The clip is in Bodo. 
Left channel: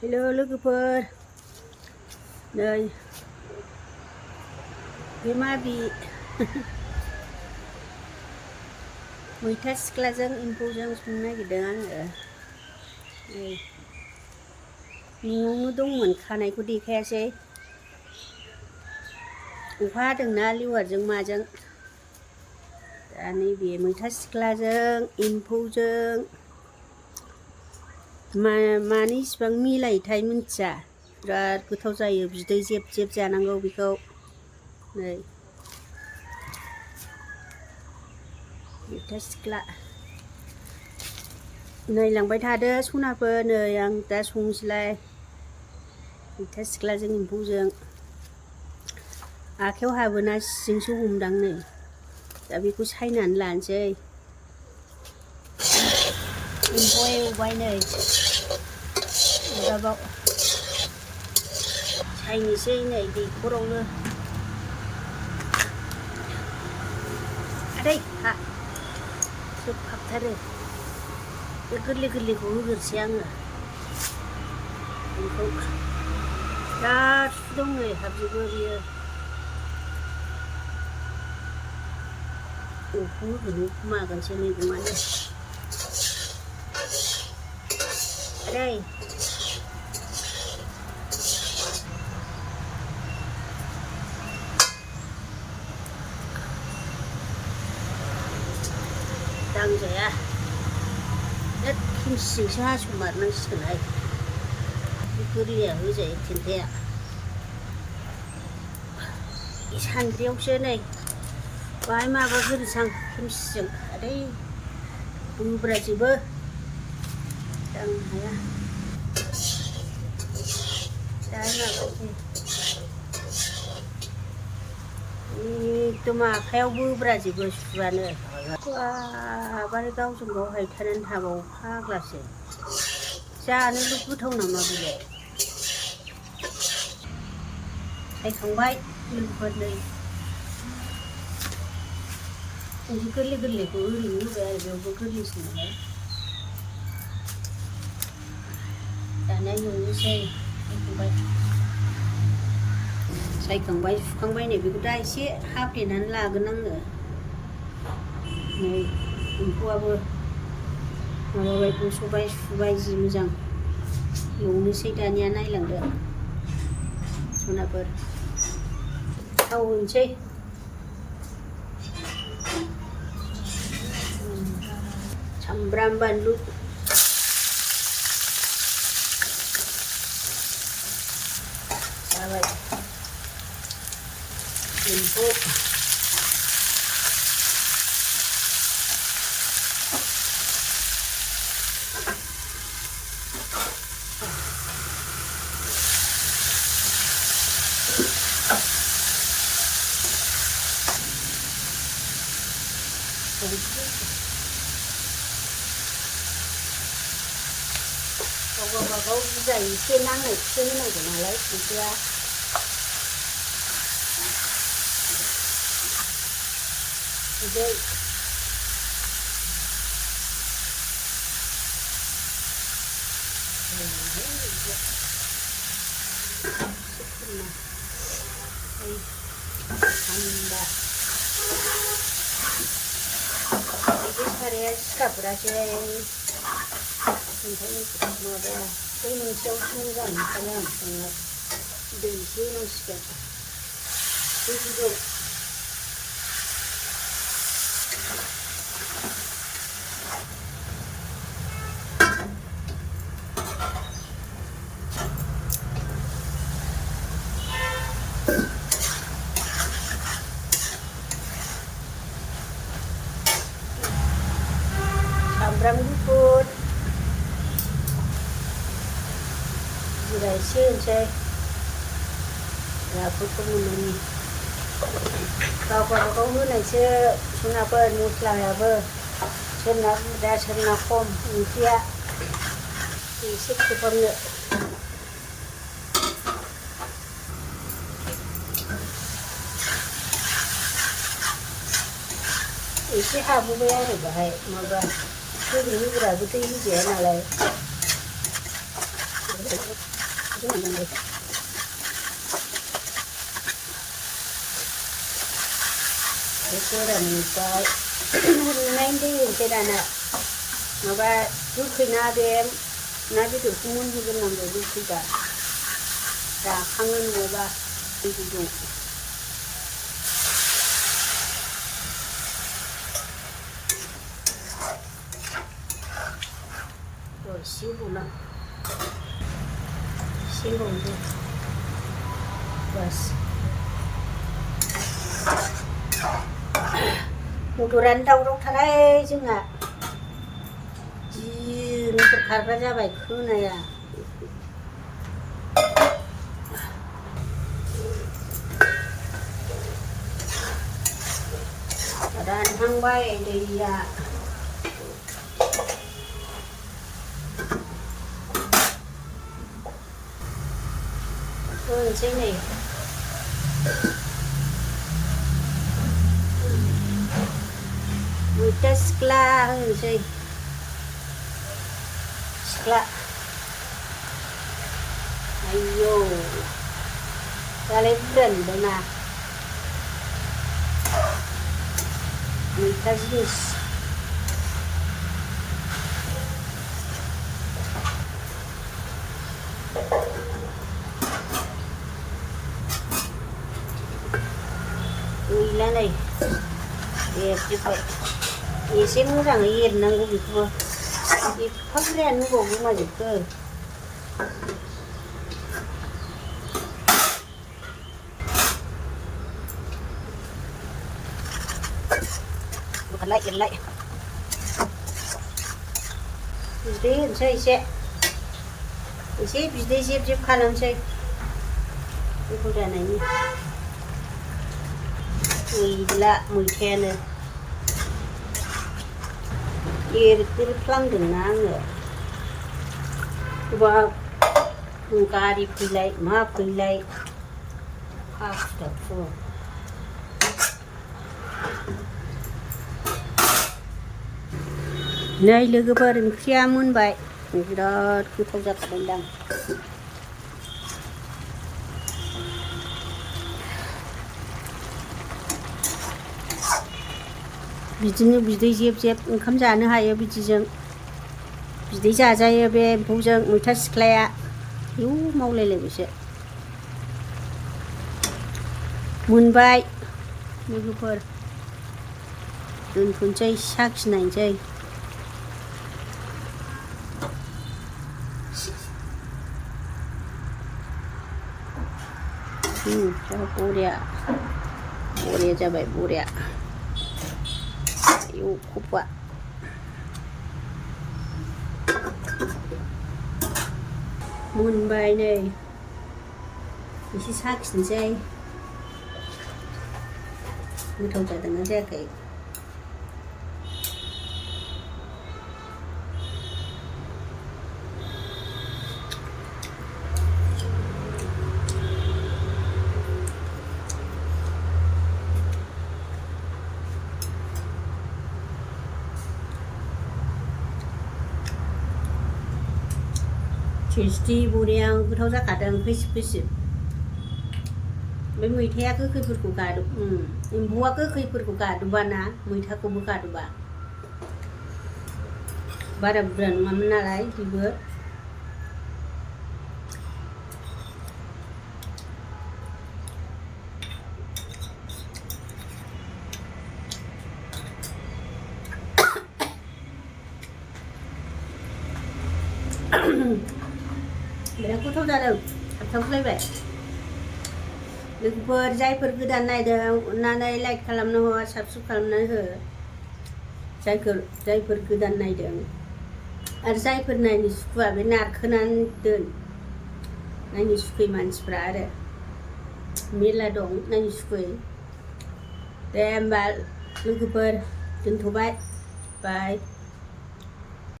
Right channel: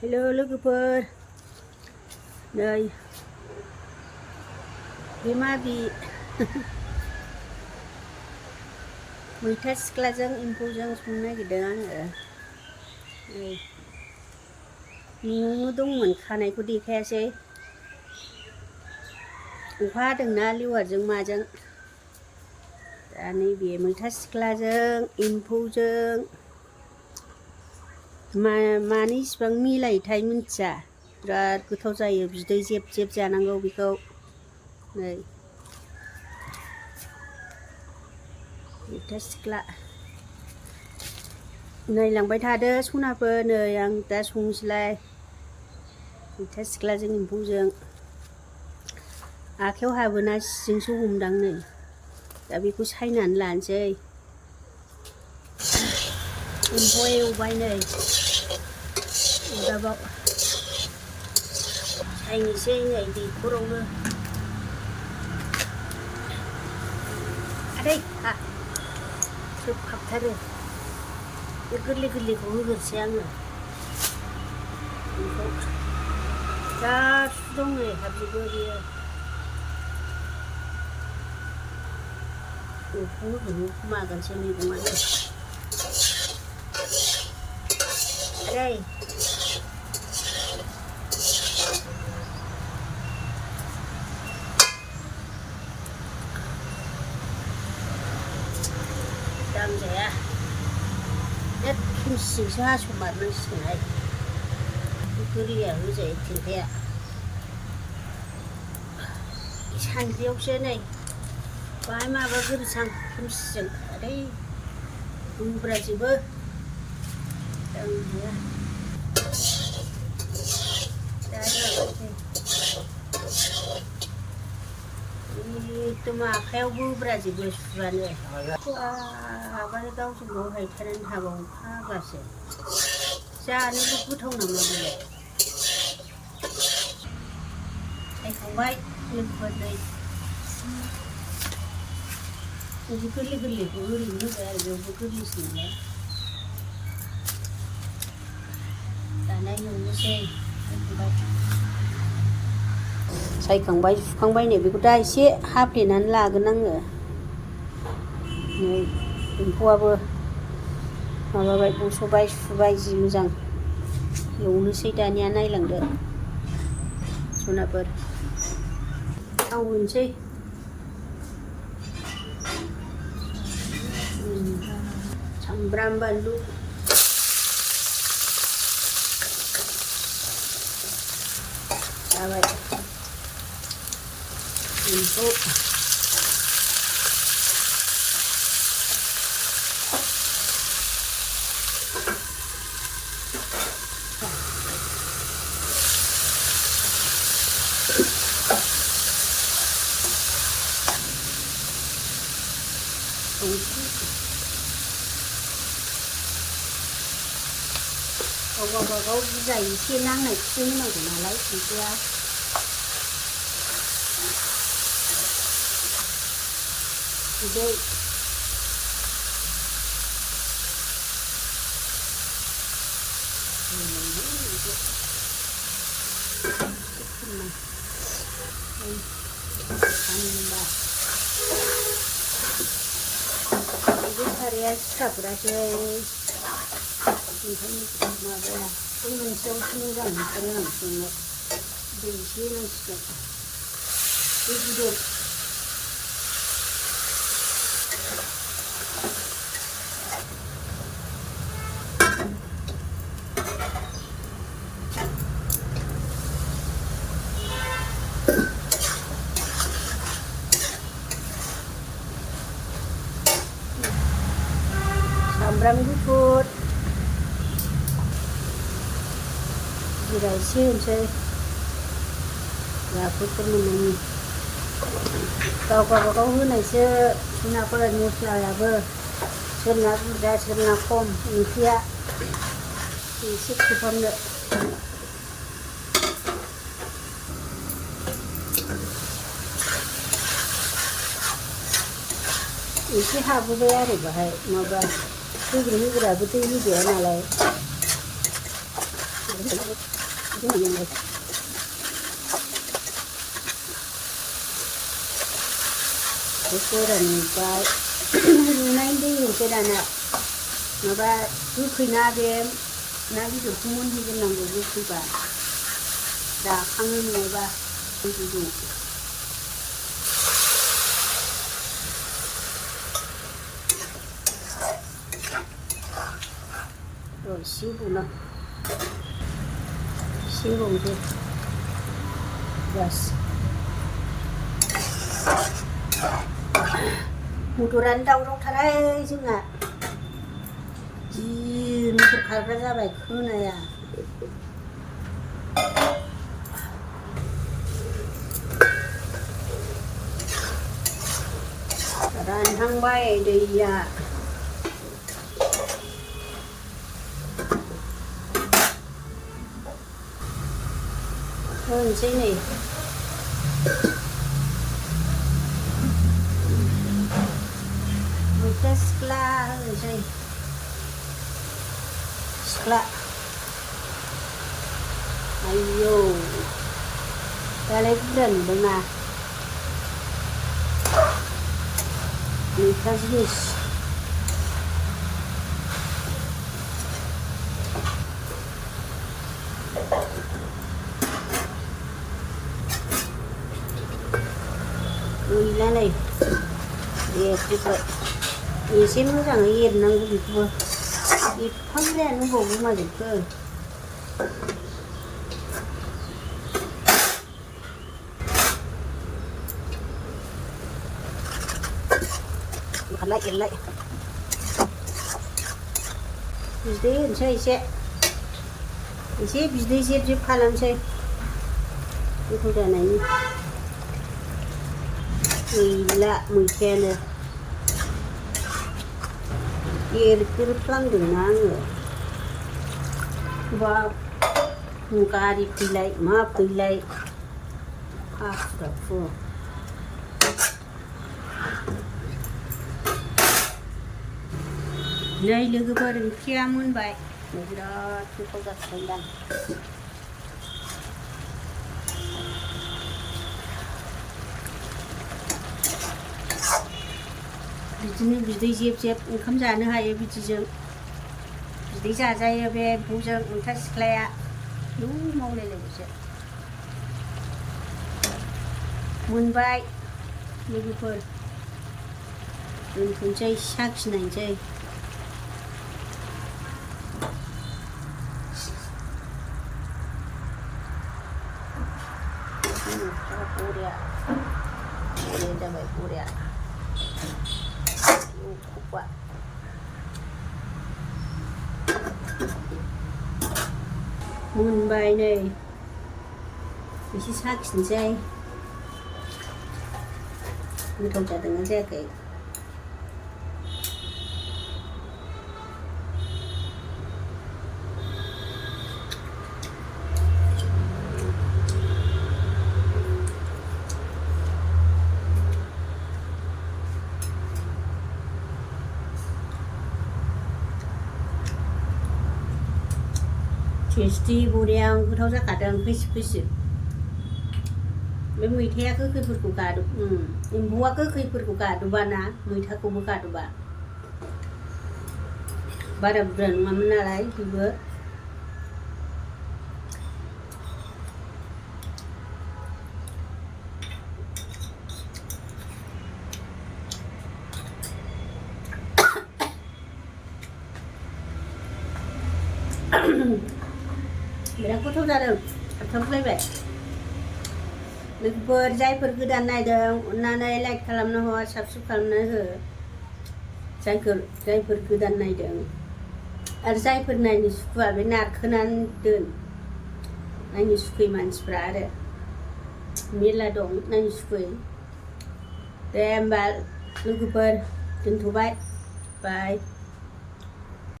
Hello lwgwpwr. Đây Bimabi Mwita sikla jwng ampou jwng संनो नागिरदों आङो। न'आवनो दंमोन, खानायखौ देखायासै। अखा हादोंना लेवारजों माजों। दा नैबे मैथा सिख्लाजों एम्फौजों मानो इसिबां मिलायोथाय मिन्थिया। बिराद गोथाव जायो, बिदै जेब जेब जानांगौ बेखौ। नै मैथा सिख्ला नायलांबाय थादो सनाफोर। नै आं दा संनोसैलाय मैथा सिख्लाजों एम्फौजों। आखायाव हाबोना सिजोंसो हमदां नै। दा बेखौ सायनानै लानोसै। एम्फौआ एवबाय नै अरदाबाव। सायनोसै नै दैखरावनो। आदै हा सोबहाबथारो। बे गोरलै गोरलैखौ होग्रोसै आङो। बेखौ बिराद सु दं नै हाबजोबो बियो। अखौ होगोन मागोनसो मैगङानो। आदै दांजाया, बिराद खेमसिजोंसो हास'मारनांसिगोनहाय। बे गोरलैया होजायो थेन्थाया। सान्द्रियावसो नै बाहाय माबाग्रोनोसां खेमसिजों। आदै बुब्राजोबो दांनो हाया। दा माबासै एकदम आखाइयाव बोब्राजोबो सुबानो। बाबारे गावजों गाव हायथानानै थाबावो फाग्लासो। जानोल' गोथाव नामा बेलाय। सायखांबाय लोगोफोर नै। बिदि गोरलै गोरलैखौ ओरैनो होबाय आरो बेयावबो गोरलैसो नालाय। दाना एवनोसै। सायखांबाय सुखांबाय नै बेखौ दा एसे हाफ्लेनानै लागोन आङो। नै एम्फौआबो माबाबाय बस'बाय, सुबाय जि मोजां। एवनोसै दानिया नायलांदो सनाफोर। थाव होनोसै। सामब्राम बानलु जाबाय। एम्फौ गावबागाव बुरजा एसे नांनायखौसो होनांगौ नालाय संख्रिया। बिदै साराया सिखाबग्रासै। बै मोनसेयावसो मोजां मोनथारो आं संनायाव। दै एसे होनांसिगोन। सामब्राम गुफुर जिरा एसे होनोसै। नाफोरखौ मोननायनि गाव गावबागाव होनायसो सनाफोर मस्लायाबो। सोरना बुरजा सोरना खम ओंख्रिया। एसे खोबहाबनो। एसे हाबोबाय आरो बाहाय माबा होग्राबो दै होजाया नालाय फोरानबाय रुइनायनि दै होनोसै दाना माबा गोखैना बे ना बेदरखौ मोनहोग्रोनांगौ गोखैबा राखाङो नङाबा दैखौ 시고나 시고도 됐어. 모тор안 다우러 타라이 정아. 지 모tor 갈가 잡아이 크나야. 란 한바에 되야. Cái này Mwita sikla gì sikla ayo ta lấy cái lần đây nè Mwita jeans này đẹp như vậy thì xin muốn rằng yên năng cũng được thôi thì không đen nó gồm nhưng mà được cơ lại bizde şey bizde zip kalan şey bu kadar ne Mwita Mwita nữa kia cứ toang đừng ngang nữa và muka đi pilai ma pilai after four nơi lwgwpwr kia muốn vậy đó kita giặt rendang बिदिनो बिदै जेब ओंखाम जानो हायो बिदिजों बिदै जाजायो बे एम्फौजों मैथा सिख्लाया मावलायलायबायसो मोनबाय लwgwpwr दोनथ'नोसै साखिनायनोसै बरिया जाबाय बरिया kuat मोनबाय नै एसे साखिनोसै गोथाव जादोंना जायाखै टेस्टि बरिया गोथाव जाखादों खैसिब बे मैथाया गोखैफोरखौ गादु एम्फौआ गोखैफोरखौ गादुबाना मैथाखौबो गादुबा बारा बुरजा नङामोन नालाय बेबो बिराद गोथाव जादों थाबथाबलायबाय लwgwpwr जायफोर गोदान नायदों अननानै लाइक खालामना हो साबस्क्राइब खालामना हो जायफोर गोदान नायदों आरो जायफोर नायनो सुखुआ बे नारखोनानै दोन नायनो सुखुयै मानसिफ्रा आरो मेला दं नायनो सुखुयै दे होमबा लwgwpwr दोनथ'बाय बाय